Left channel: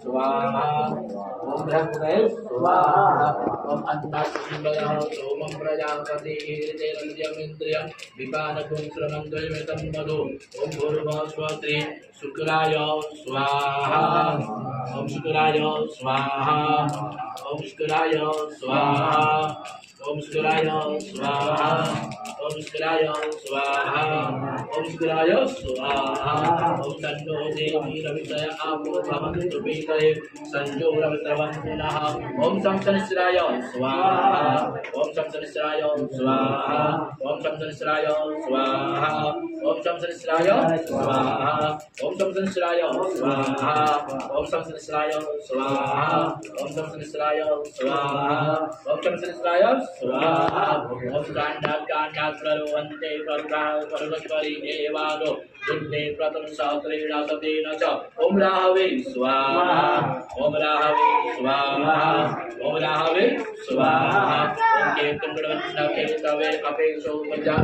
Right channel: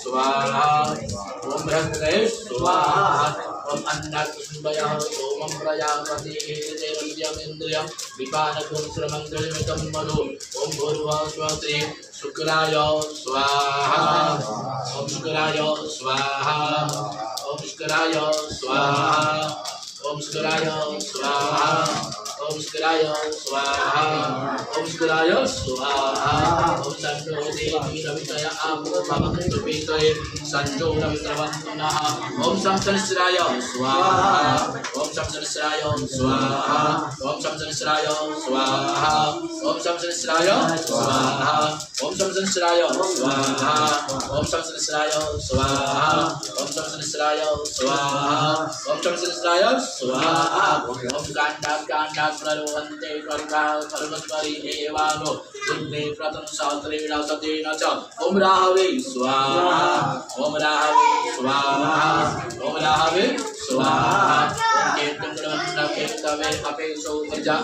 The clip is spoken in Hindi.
स्वाहा ओम बृहस्पतये स्वाहा ओम अन्नकुंडयः सोमं प्रजापति तेरन्द्रियमिन्द्रियं विपानकुं श्रमन्द्रयमितं मधु ओम भूर्भुवः स्वस्ति शुक्राय स्वाहा ओम शुक्राय स्वाहा ओम शुक्राय स्वाहा ओम शुक्राय स्वाहा ओम शुक्राय स्वाहा ओम शुक्राय स्वाहा ओम सन्नो देवी रवितय आपो भवन्तु पीतये संजो रवित्रवन्तु नः ओम शंसनिश्राय स्वाहा ओम शंसनिश्राय स्वाहा ओम शंसनिश्राय स्वाहा ओम शंसनिश्राय स्वाहा ओम शंसनिश्राय स्वाहा ओम शंसनिश्राय स्वाहा ओम शंसनिश्राय स्वाहा ओम शंसनिश्राय स्वाहा ओम कांडा प्ररोहन्ते कर्गाः पर्वत्वरि देवानो दुर्गे प्रतनु सात्रेण सतेन च ओम राहवे स्वाहा ओम राहवे स्वाहा ओम राहवे स्वाहा ओम केतुं गणवन्ना केतवे अपेक्षो प्रजा